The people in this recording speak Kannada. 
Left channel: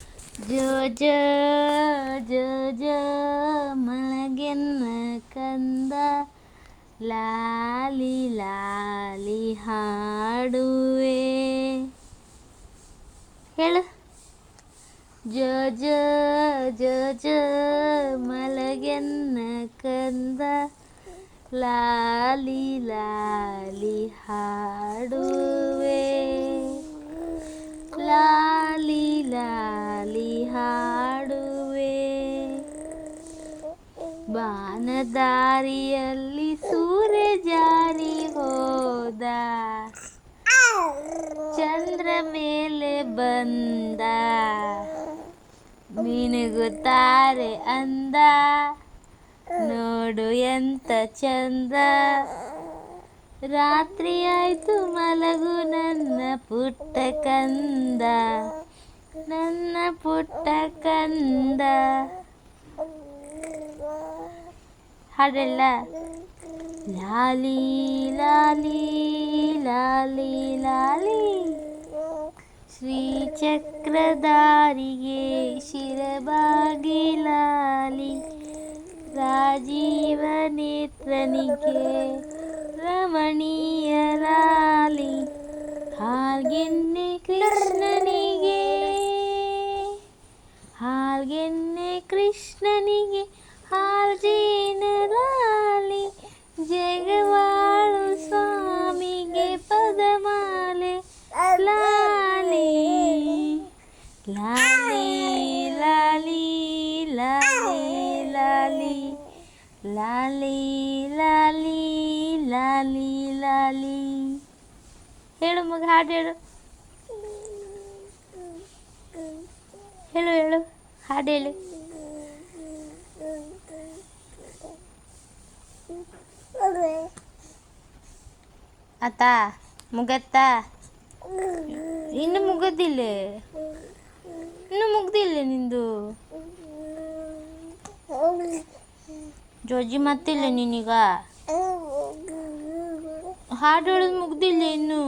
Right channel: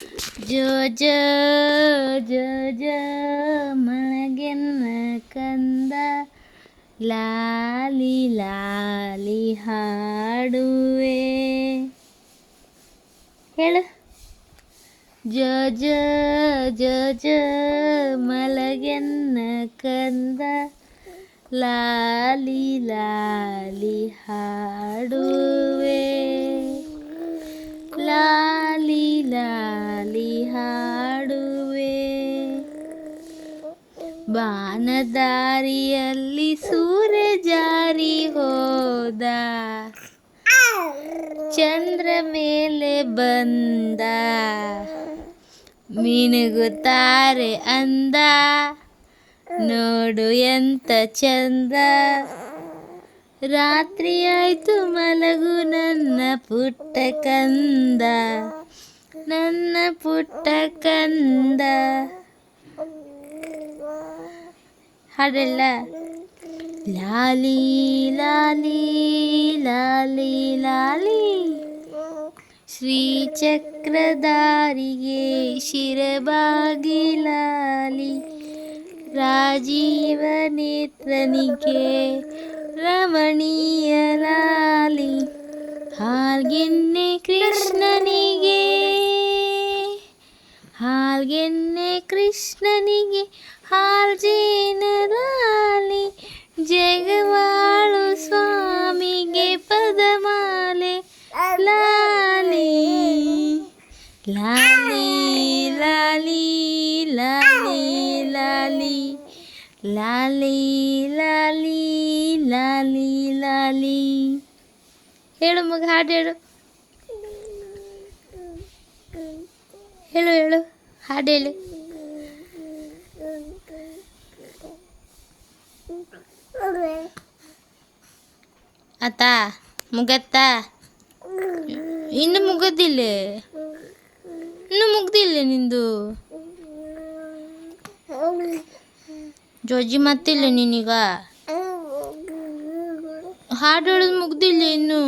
ಜೋ ಜೋ ಜೋ ಜೋ ಮಲಗೆನ್ನ ಕಂದ ಲಾಲಿ ಲಾಲಿ ಹಾಡುವೆ ಹೇಳು. ಜೋ ಜೋ ಜೋ ಜೋ ಮಲಗೆನ್ನ ಕಂದ ಲಾಲಿ ಲಾಲಿ ಹಾಡುವೆ ಲಾಲಿ ಲಾಲಿ ಹಾಡುವೆ. ಬಾನದಾರಿಯಲ್ಲಿ ಸೂರ್ಯ ಜಾರಿ ಹೋದ, ಚಂದ್ರ ಮೇಲೆ ಬಂದ, ಮಿನುಗುತ್ತಾರೆ ಅಂದ, ನೋಡು ಎಂತ ಚಂದ. ರಾತ್ರಿ ಆಯ್ತು ಮಲಗು ನನ್ನ ಪುಟ್ಟ ಕಂದ, ನನ್ನ ಪುಟ್ಟ ಕಂದ. ಹಾಡಲ್ಲ. ಲಾಲಿ ಲಾಲಿ ಲಾಲಿ ಲಾಲಿ ಶ್ರೀಚಕ್ರಧಾರಿಗೆ ಶಿರಬಾಗಿ ಲಾಲಿ, ರಾಜೀವ ನೇತ್ರನಿಗೆ ರಮಣೀಯ ಲಾಲಿ, ಹಾಲ್ಗೆನ್ನೆ ಕೃಷ್ಣನಿಗೆ ಹಾಲ್ಗೆನ್ನೆ ಕೃಷ್ಣನಿಗೆ ಹಾಲ್ಜೇನ ಲಾಲಿ, ಜಗವಾಳು ಸ್ವಾಮಿಗೆ ಪದಮಾಲೆ ಲಾಲಿ ಲಾಲಿ ಲಾಲಿ ಲಾಲಿ ಲಾಲಿ ಲಾಲಿ ಲಾಲಿ ಲಾಲಿ ಲಾಲಿ. ಹೇಳು ಮಗ, ಹಾಡು ಹೇಳು. ಹೇಳು ಹೇಳು, ಹಾಡು ಹೇಳು. ಆತ ಮುಗತ್ತ? ಇನ್ನು ಮುಗದಿಲ್ಲ, ಇನ್ನು ಮುಗ್ದಿಲ್ಲ ನಿಂದು. ಜೋಜಿ ಮತ್ತಿಲ್ಲ ನೀನೀಗ. ಹಾಡು ಹೇಳೋದು ಮುಗ್ದಿಲ್ಲ ಇನ್ನು.